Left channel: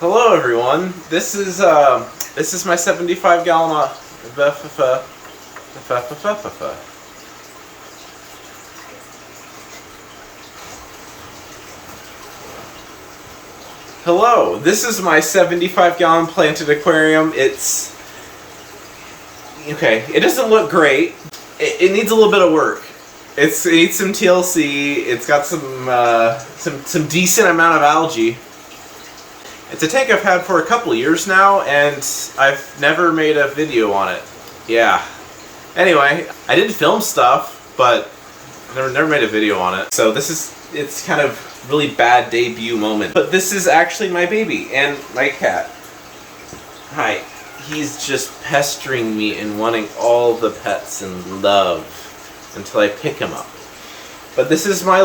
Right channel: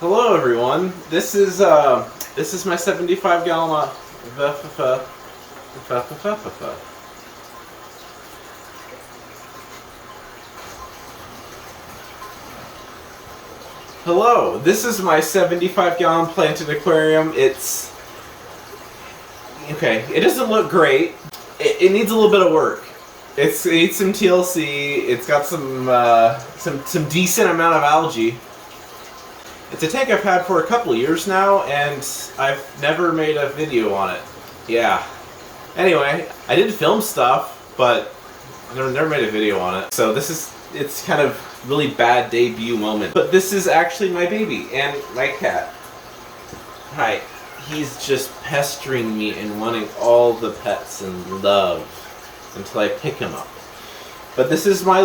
Hello everyone. This is my 75-gallon Hello. This is my 75-gallon planted aquarium. It's okay. It doesn't look great. It needs a little bit of work. It needs some TLC. It's got some decent amount of algae. It's a tank I've had for a couple of years now, and I've never made a video on it. Yeah. Anyway, I did film stuff, but I never made a video on it. So it's kind of really bad debut moment. But this is actually my baby and my cat. Hi. He's just pestering me and wanting all the pets and love until I pick him up. But this is my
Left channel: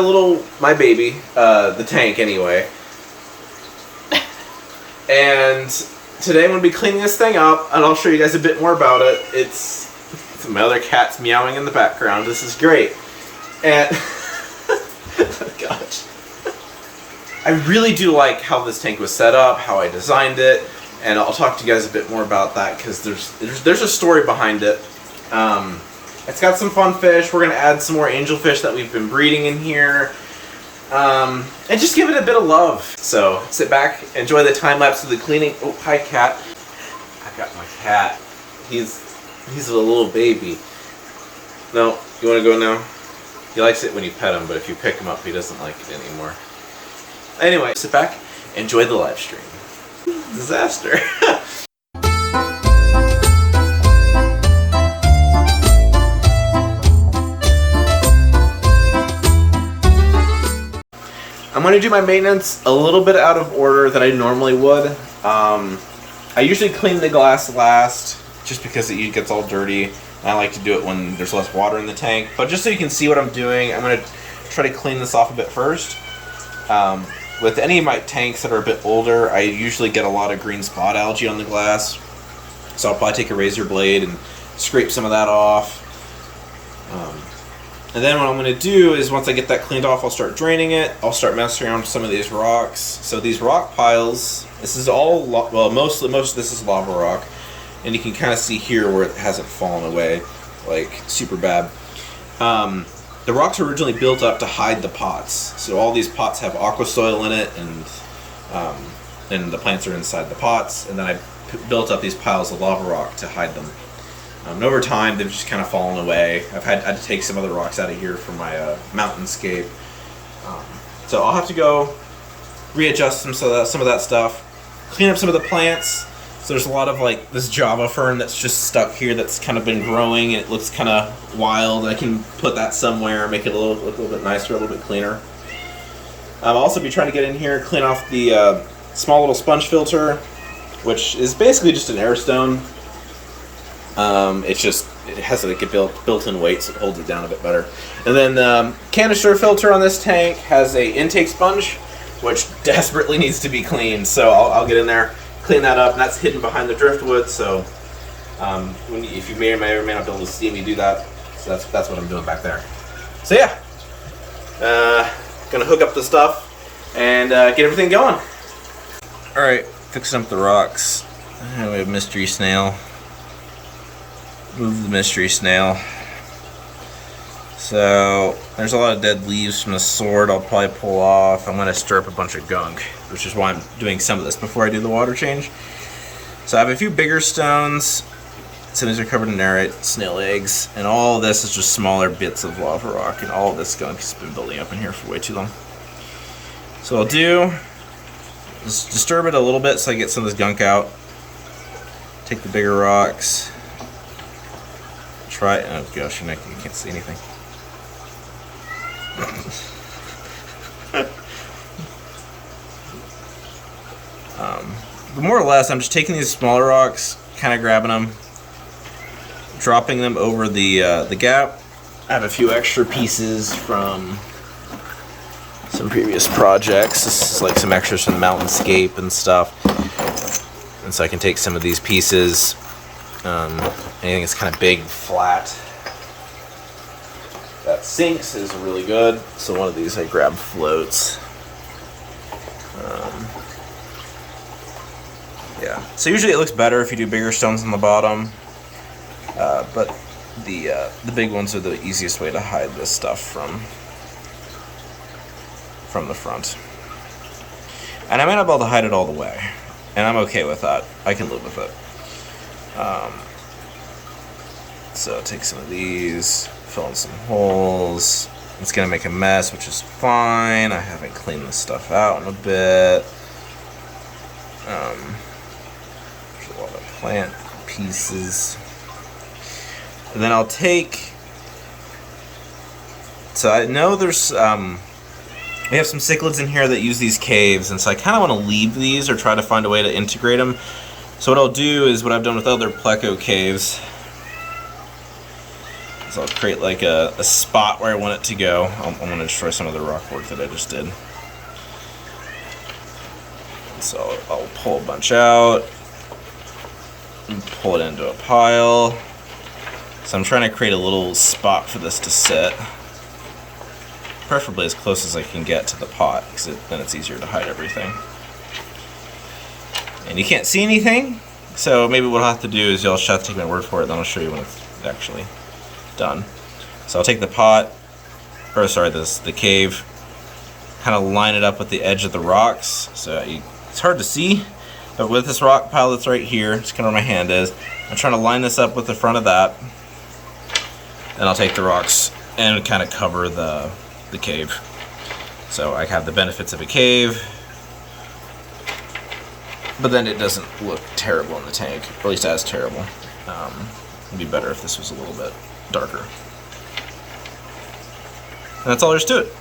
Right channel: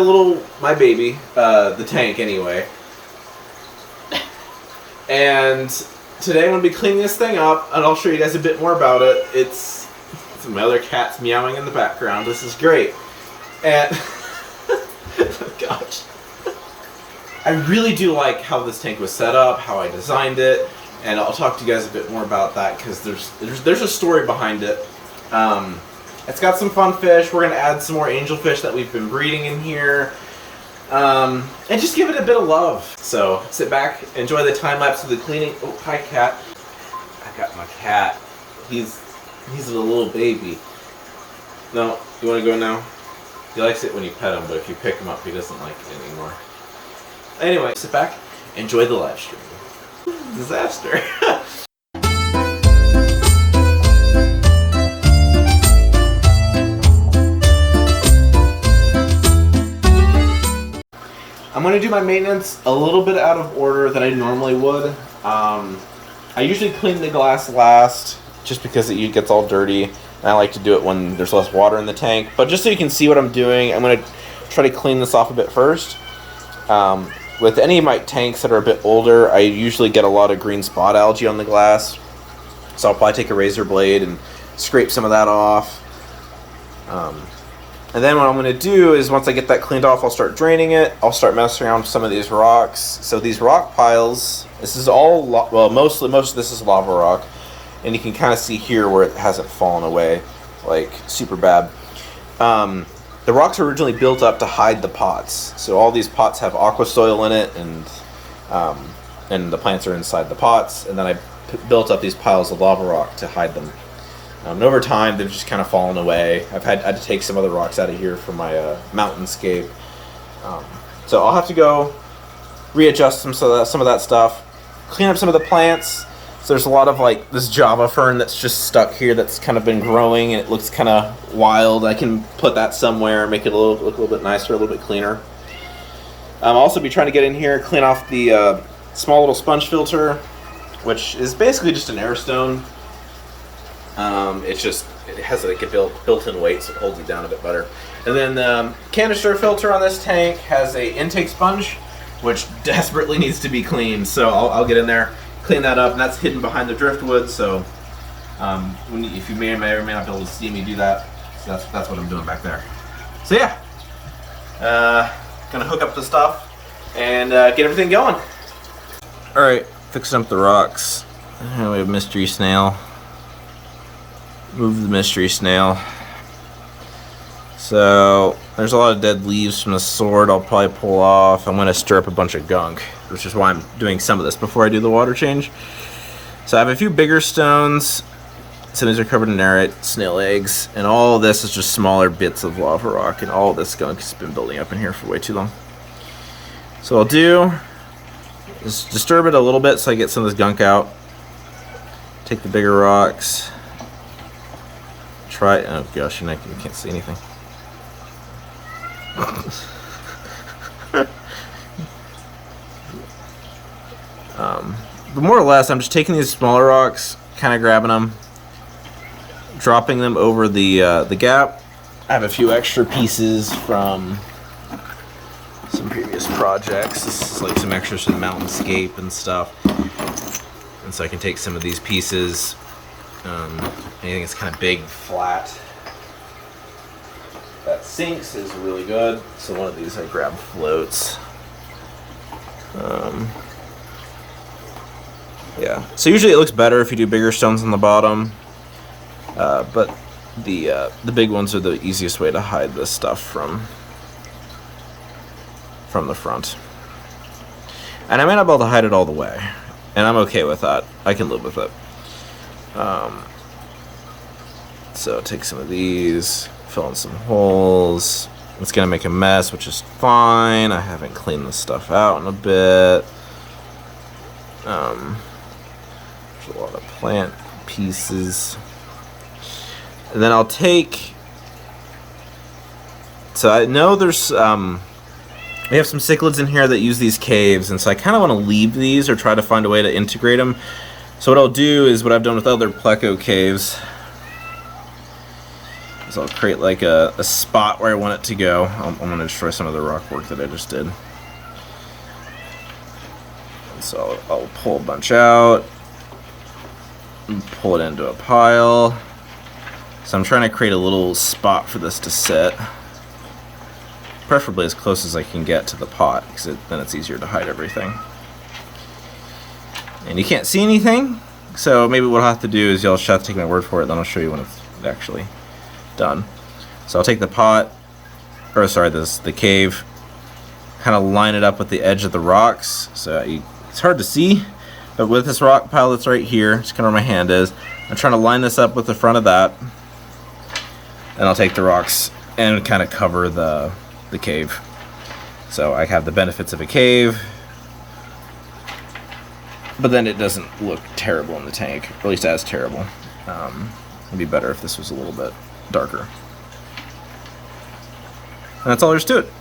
baby, the tank anyway. And today I'm going to be cleaning this thing up, and I'll show you guys a bit more about it. It's my other cat's meowing in the background. This is great. And oh gosh. I really do like how this tank was set up, how I designed it, and I'll talk to you guys a bit more about that because there's a story behind it. It's got some fun fish. We're going to add some more angelfish that we've been breeding in here. And just give it a bit of love. So sit back, enjoy the time lapse of the cleaning. Oh, hi cat. I got my cat. He's a little baby. No, you want to go now? He likes it when you pet him, but if you pick him up, he doesn't like it anymore. Anyway, sit back, enjoy the live stream. Disaster. I'm going to do my maintenance a little bit out of order than I normally would. I usually clean the glass last just because it gets all dirty, and I like to do it when there's less water in the tank. But just so you can see what I'm doing, I'm going to try to clean this off a bit first. With any of my tanks that are a bit older, I usually get a lot of green spot algae on the glass. So I'll probably take a razor blade and scrape some of that off. And then what I'm going to do is once I get that cleaned off, I'll start draining it. I'll start messing around with some of these rocks. So these rock piles, this is all, most of this is lava rock. And you can kind of see here where it hasn't fallen away, like super bad. The rocks were originally built up to hide the pots. So all these pots have aqua soil in it, and the plants are inside the pots. And then I built up these piles of lava rock to hide them. And over time, they've just kind of fallen away. I've had to take some other rocks out of here for my mountainscape. So I'll have to go readjust some of that stuff, clean up some of the plants. So there's a lot of like this Java fern that's just stuck here that's kind of been growing and it looks kind of wild. I can put that somewhere, make it look a little bit nicer, a little bit cleaner. I'll also be trying to get in here, clean off the small little sponge filter, which is basically just an air stone. It has like a built-in weight, so it holds it down a bit better. And then the canister filter on this tank has a intake sponge, which desperately needs to be cleaned. So I'll get in there, clean that up, and that's hidden behind the driftwood. So if you may or may not be able to see me do that, so that's what I'm doing back there. So yeah, gonna hook up the stuff and get everything going. All right, fixing up the rocks. We have mystery snail. Move the mystery snail. So there's a lot of dead leaves from the sword I'll probably pull off. I'm going to stir up a bunch of gunk, which is why I'm doing some of this before I do the water change. So I have a few bigger stones. Some of these are covered in narite, snail eggs, and all of this is just smaller bits of lava rock, and all of this gunk has been building up in here for way too long. So what I'll do is disturb it a little bit so I get some of this gunk out. Take the bigger rocks. Oh gosh, you can't see anything. But more or less, I'm just taking these smaller rocks, kind of grabbing them, dropping them over the gap. I have a few extra pieces from some previous projects. This is like some extras from the mountainscape and stuff. And so I can take some of these pieces. Anything that's kind of big, flat, that sinks is really good. So one of these I grabbed floats. So usually it looks better if you do bigger stones on the bottom, but the big ones are the easiest way to hide this stuff from the front. And I may not be able to hide it all the way, and I'm okay with that. I can live with it. So take some of these, fill in some holes. It's gonna make a mess, which is fine. I haven't cleaned this stuff out in a bit. There's a lot of plant pieces. And then I'll take... So I know there's... we have some cichlids in here that use these caves, and so I kind of want to leave these or try to find a way to integrate them. So what I'll do is what I've done with other pleco caves. So I'll create like a spot where I want it to go. I'm going to destroy some of the rock work that I just did. And so I'll pull a bunch out and pull it into a pile. So I'm trying to create a little spot for this to sit. Preferably as close as I can get to the pot, because then it's easier to hide everything. And you can't see anything, so maybe what I'll have to do is you'll just have to take my word for it, then I'll show you when it's actually done. So I'll take the pot, or sorry, the cave, kind of line it up with the edge of the rocks. So it's hard to see, but with this rock pile that's right here, just kind of where my hand is, I'm trying to line this up with the front of that, and I'll take the rocks and kind of cover the cave. So I have the benefits of a cave, but then it doesn't look terrible in the tank, or at least as terrible. It'd be better if this was a little bit darker. And that's all there is to it.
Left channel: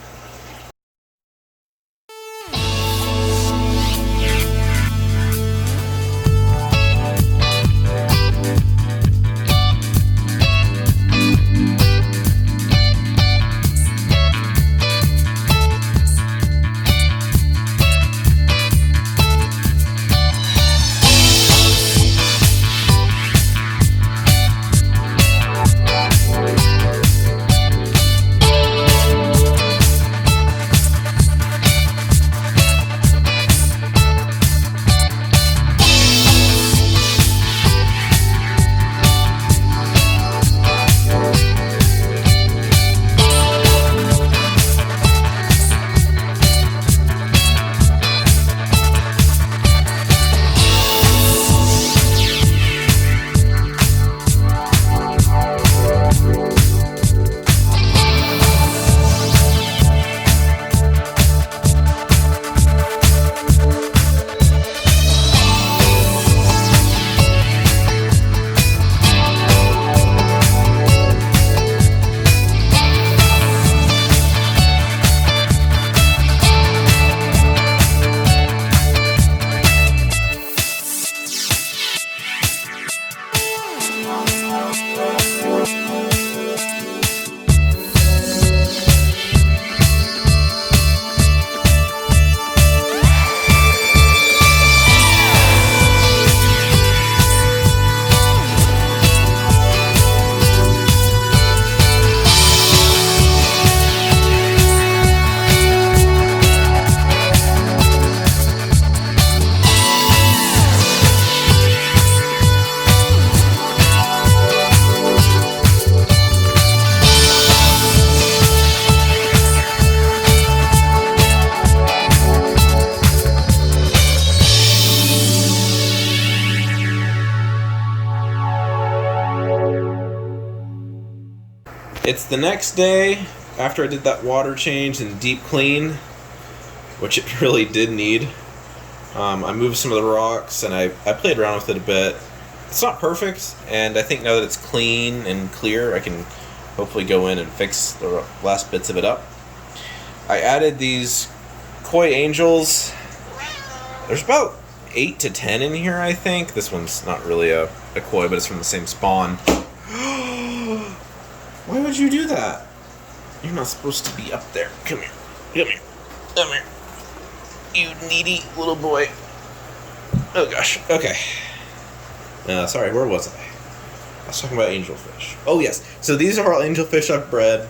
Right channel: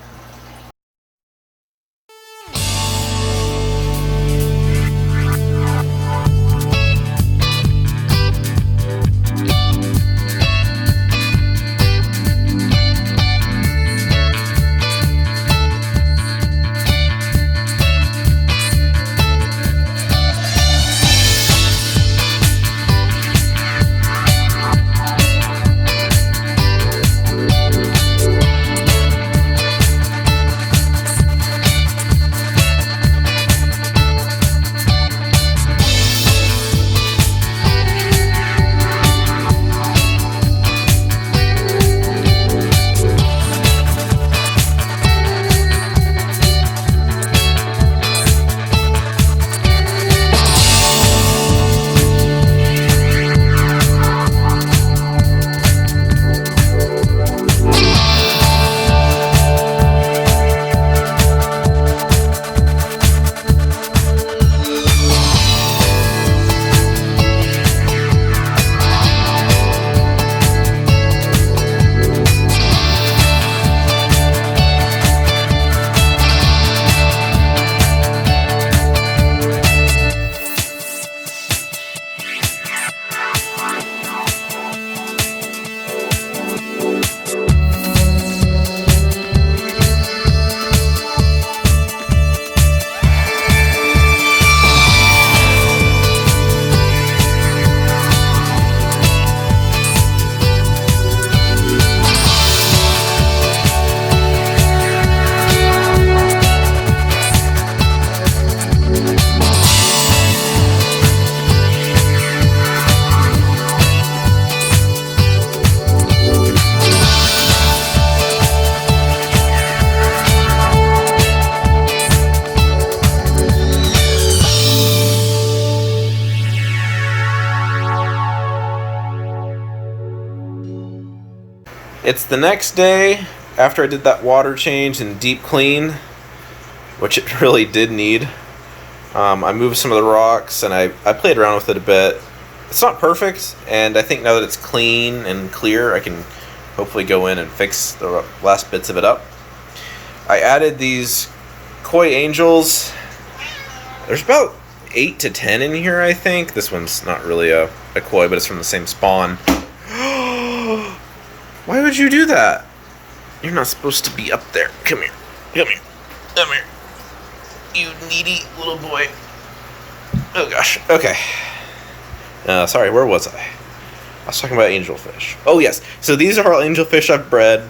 It's the next day after I did that water change and deep clean, which it really did need. I moved some of the rocks and I played around with it a bit. It's not perfect, and I think now that it's clean and clear, I can hopefully go in and fix the last bits of it up. I added these koi angels. There's about 8 to 10 in here, I think. This one's not really a koi, but it's from the same spawn. Why would you do that? You're not supposed to be up there. Come here. Come here. Come here. You needy little boy. Oh gosh. Okay. Sorry, where was I? I was talking about angelfish. Oh yes. So these are all angelfish I've bred.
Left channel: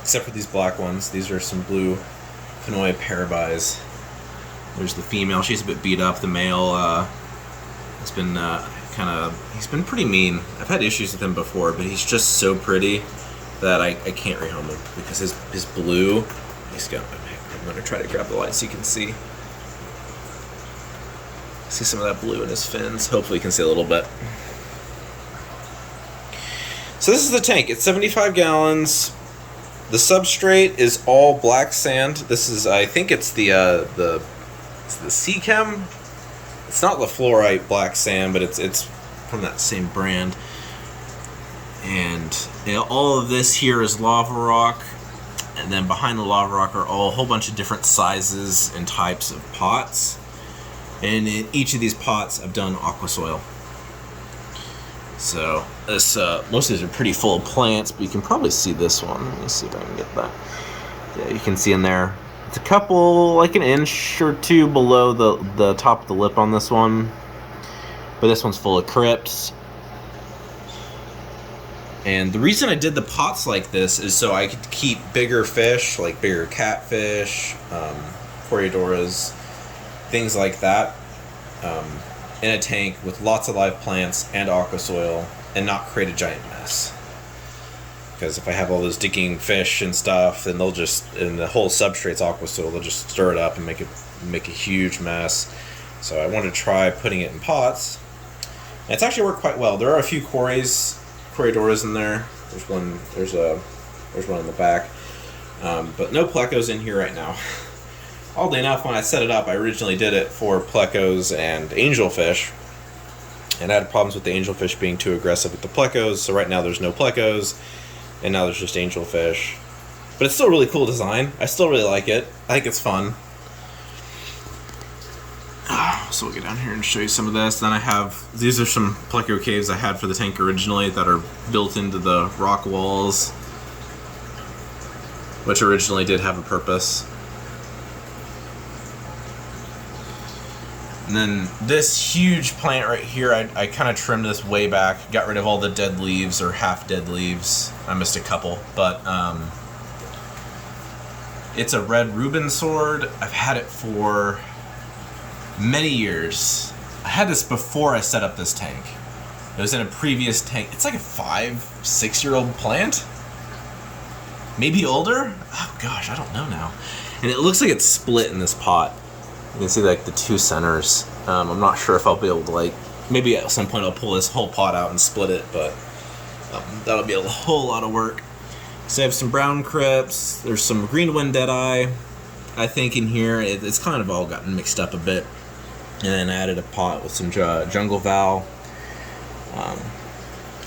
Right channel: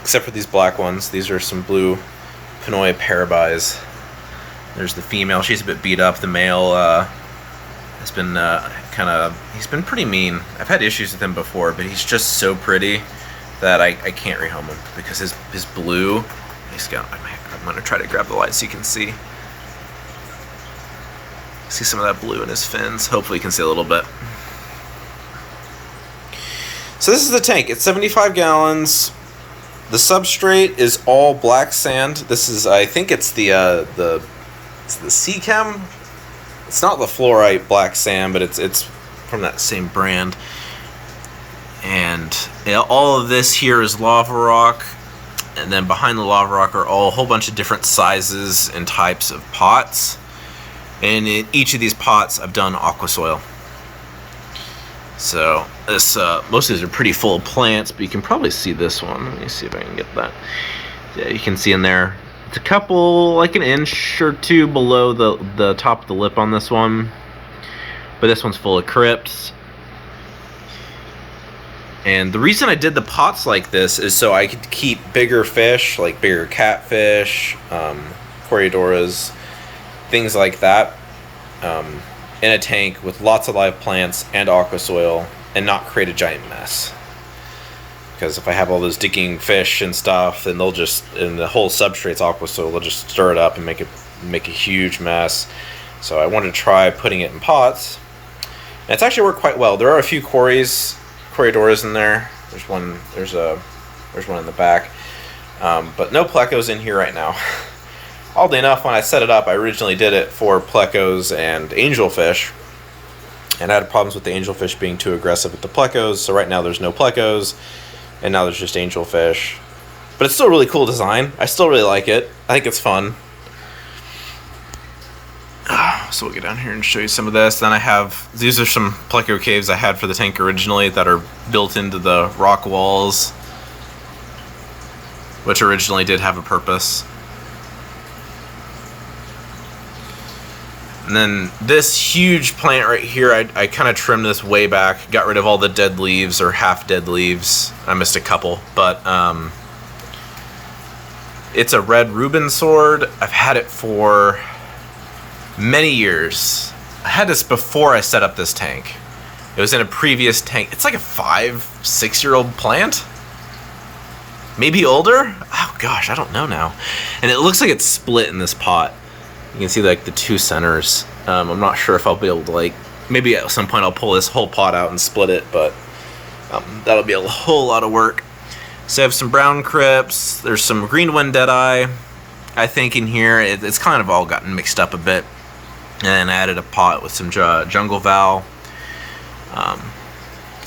Except for these black ones. These are some blue Pinoy parabis. There's the female. She's a bit beat up. The male has been he's been pretty mean. I've had issues with him before, but he's just so pretty that I can't rehome him because his blue, I'm gonna try to grab the light so you can see some of that blue in his fins. Hopefully you can see a little bit. So this is the tank. It's 75 gallons. The substrate is all black sand. This is, I think it's the Sea Chem. It's not the fluorite black sand, but it's from that same brand. And all of this here is lava rock, and then behind the lava rock are a whole bunch of different sizes and types of pots. And in each of these pots, I've done aqua soil. So this most of these are pretty full of plants, but you can probably see this one. Let me see if I can get that. Yeah, you can see in there. It's a couple, like an inch or two below the top of the lip on this one. But this one's full of crypts. And the reason I did the pots like this is so I could keep bigger fish, like bigger catfish, Coriodoras, things like that, in a tank with lots of live plants and aqua soil, and not create a giant mess. Because if I have all those digging fish and stuff, then they'll just, and the whole substrate's aqua soil, they'll just stir it up and make a huge mess. So I wanted to try putting it in pots, and it's actually worked quite well. There are a few Coriodoras in there. There's one in the back, but no plecos in here right now. Oddly enough, when I set it up, I originally did it for plecos and angelfish, and I had problems with the angelfish being too aggressive with the plecos, so right now there's no plecos, and now there's just angelfish. But it's still a really cool design. I still really like it. I think it's fun. So we'll get down here and show you some of this. Then I have, these are some pleco caves I had for the tank originally that are built into the rock walls, which originally did have a purpose. And then this huge plant right here, I kind of trimmed this way back, got rid of all the dead leaves or half dead leaves. I missed a couple, but it's a red Reuben sword. I've had it for many years. I had this before I set up this tank. It was in a previous tank. It's like a 5-6-year-old plant, maybe older. Oh gosh, I don't know now. And it looks like it's split in this pot. You can see like the two centers. I'm not sure if I'll be able to, like, maybe at some point I'll pull this whole pot out and split it, but that'll be a whole lot of work. So I have some brown crypts. There's some green wind deadeye, I think, in here. It's kind of all gotten mixed up a bit. And then I added a pot with some jungle val.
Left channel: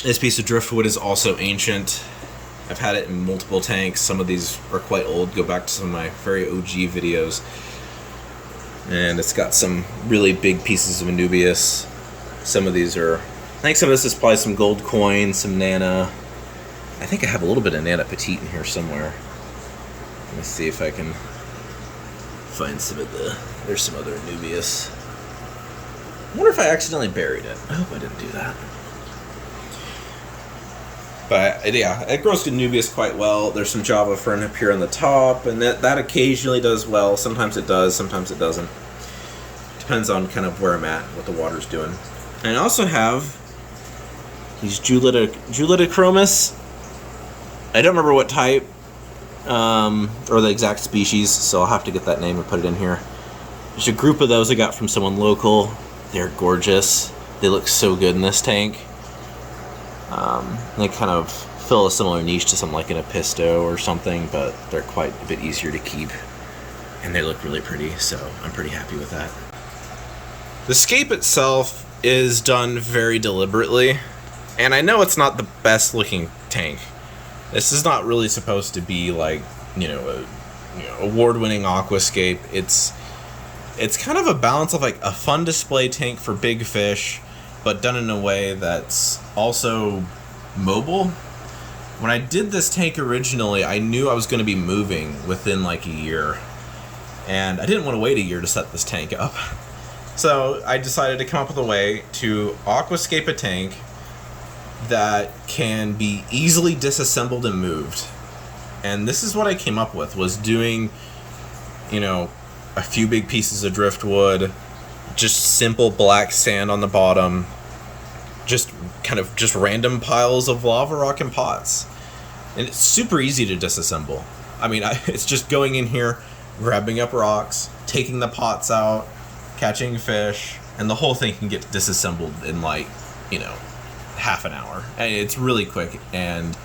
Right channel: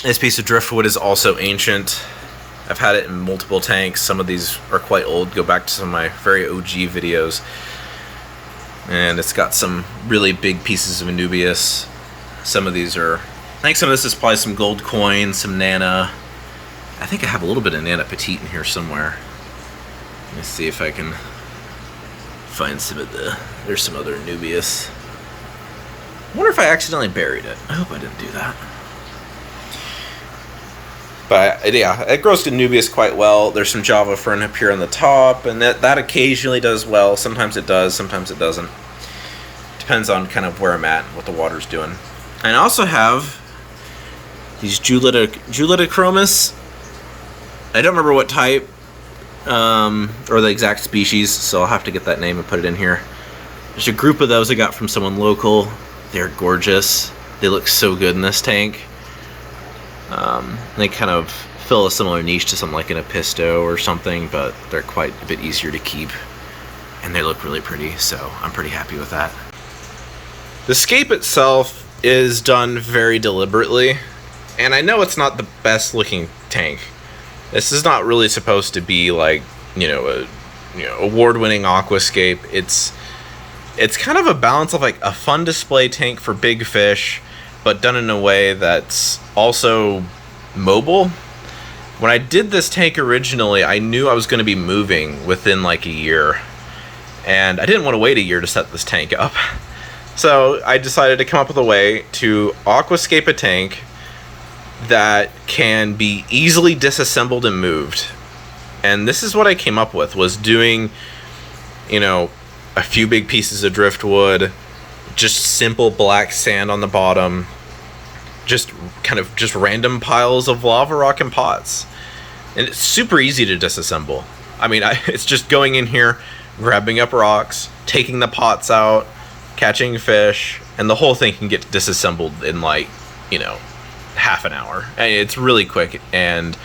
This piece of driftwood is also ancient. I've had it in multiple tanks. Some of these are quite old. Go back to some of my very OG videos. And it's got some really big pieces of Anubias. Some of these are, I think some of this is probably some gold coin, some Nana. I think I have a little bit of Nana Petite in here somewhere. Let me see if I can find some of there's some other Anubias. I wonder if I accidentally buried it. I hope I didn't do that. But yeah, it grows Anubias quite well. There's some Java fern up here on the top, and that occasionally does well. Sometimes it does, sometimes it doesn't. Depends on kind of where I'm at and what the water's doing. And I also have these Julidachromis. I don't remember what type or the exact species, so I'll have to get that name and put it in here. There's a group of those I got from someone local. They're gorgeous. They look so good in this tank. They kind of fill a similar niche to something like an Episto or something, but they're quite a bit easier to keep, and they look really pretty, so I'm pretty happy with that. The scape itself is done very deliberately, and I know it's not the best looking tank. This is not really supposed to be like, award-winning aquascape. It's kind of a balance of like a fun display tank for big fish, but done in a way that's also mobile. When I did this tank originally, I knew I was going to be moving within like a year, and I didn't want to wait a year to set this tank up. So I decided to come up with a way to aquascape a tank that can be easily disassembled and moved. And this is what I came up with, was doing, a few big pieces of driftwood, just simple black sand on the bottom, just random piles of lava rock and pots. And it's super easy to disassemble. I mean, it's just going in here, grabbing up rocks, taking the pots out, catching fish, and the whole thing can get disassembled in like, you know, half an hour. And it's really quick. And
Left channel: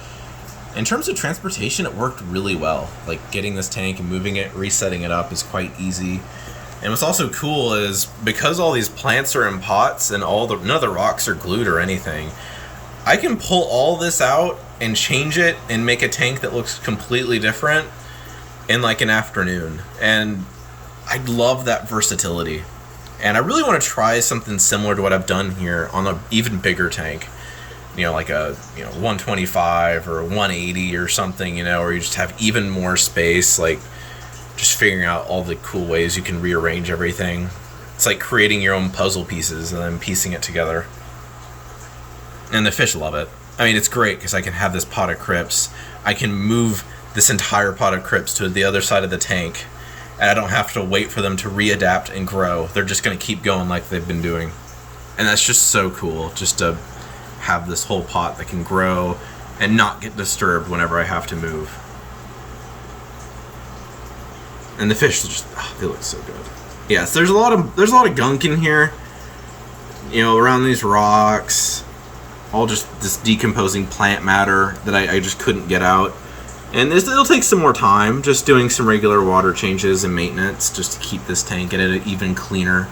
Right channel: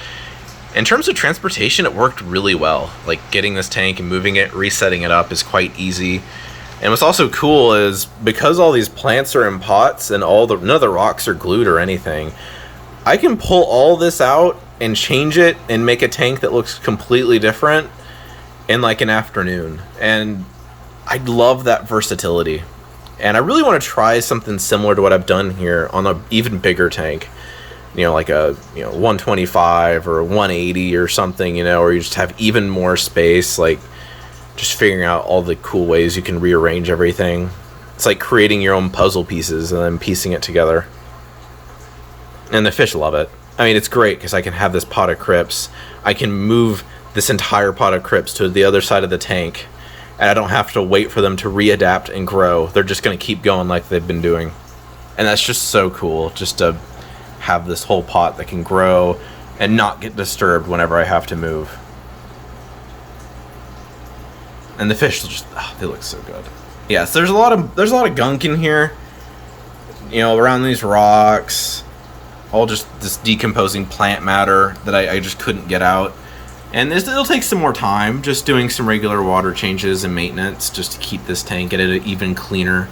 in terms of transportation, it worked really well. Like getting this tank and moving it, resetting it up is quite easy. And what's also cool is because all these plants are in pots and none of the rocks are glued or anything, I can pull all this out and change it and make a tank that looks completely different in like an afternoon. And I love that versatility. And I really want to try something similar to what I've done here on an even bigger tank. You know, like a 125 or a 180 or something, you know, where you just have even more space, like just figuring out all the cool ways you can rearrange everything. It's like creating your own puzzle pieces and then piecing it together. And the fish love it. I mean, it's great because I can have this pot of crypts. I can move this entire pot of crypts to the other side of the tank, and I don't have to wait for them to readapt and grow. They're just going to keep going like they've been doing. And that's just so cool, just to have this whole pot that can grow and not get disturbed whenever I have to move. And the fish just, they look so good. Yeah, so there's a lot of gunk in here, you know, around these rocks, all just this decomposing plant matter that I just couldn't get out. And it'll take some more time, just doing some regular water changes and maintenance just to keep this tank, get it even cleaner,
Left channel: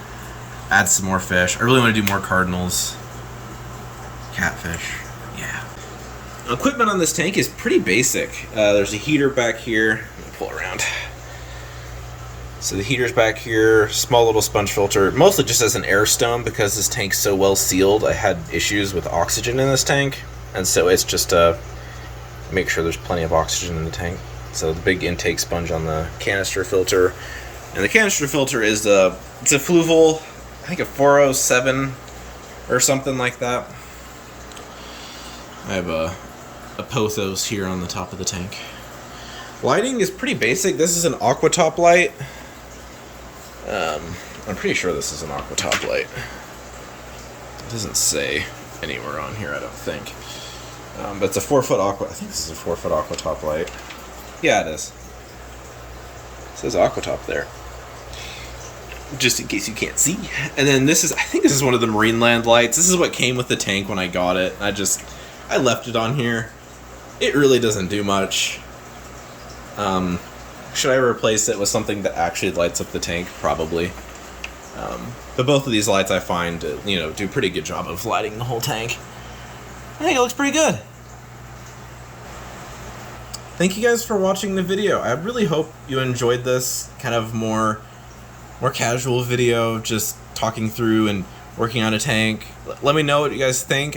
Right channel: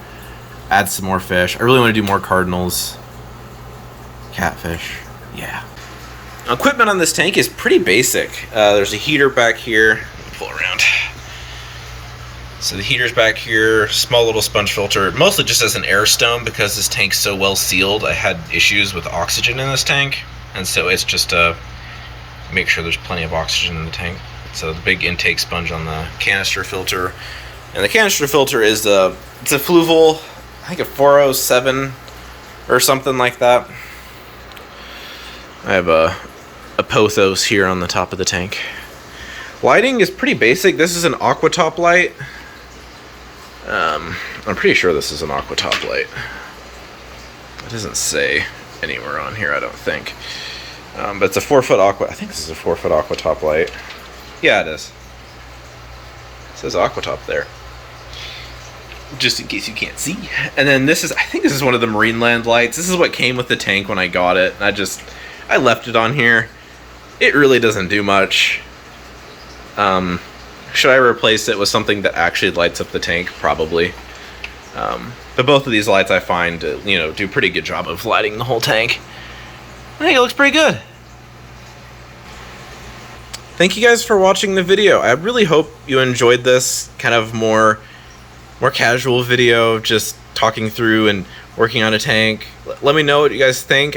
add some more fish. I really want to do more cardinals. Catfish, yeah. Equipment on this tank is pretty basic. There's a heater back here. Pull around. So the heater's back here, small little sponge filter, mostly just as an air stone because this tank's so well sealed. I had issues with oxygen in this tank, and so it's just make sure there's plenty of oxygen in the tank. So the big intake sponge on the canister filter, and the canister filter is it's a Fluval, I think a 407 or something like that. I have a Pothos here on the top of the tank. Lighting is pretty basic. This is an Aquatop light. I'm pretty sure this is an Aquatop light. It doesn't say anywhere on here, I don't think. But it's a 4-foot I think this is a 4-foot Aquatop light. Yeah, it is. It says Aquatop there. Just in case you can't see. And then I think this is one of the Marineland lights. This is what came with the tank when I got it. I left it on here. It really doesn't do much. Should I replace it with something that actually lights up the tank? Probably. But both of these lights I find, do a pretty good job of lighting the whole tank. I think it looks pretty good. Thank you guys for watching the video. I really hope you enjoyed this kind of more casual video, just talking through and working on a tank. Let me know what you guys think.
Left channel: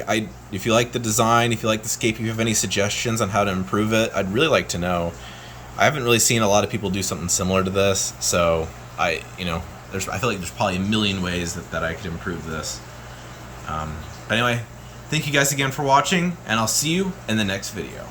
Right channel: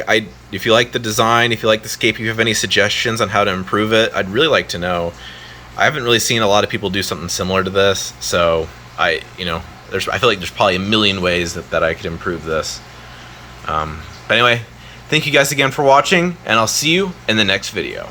If you like the design, if you like the scape, if you have any suggestions on how to improve it, I'd really like to know. I haven't really seen a lot of people do something similar to this, so I feel like there's probably a million ways that I could improve this. But anyway, thank you guys again for watching, and I'll see you in the next video.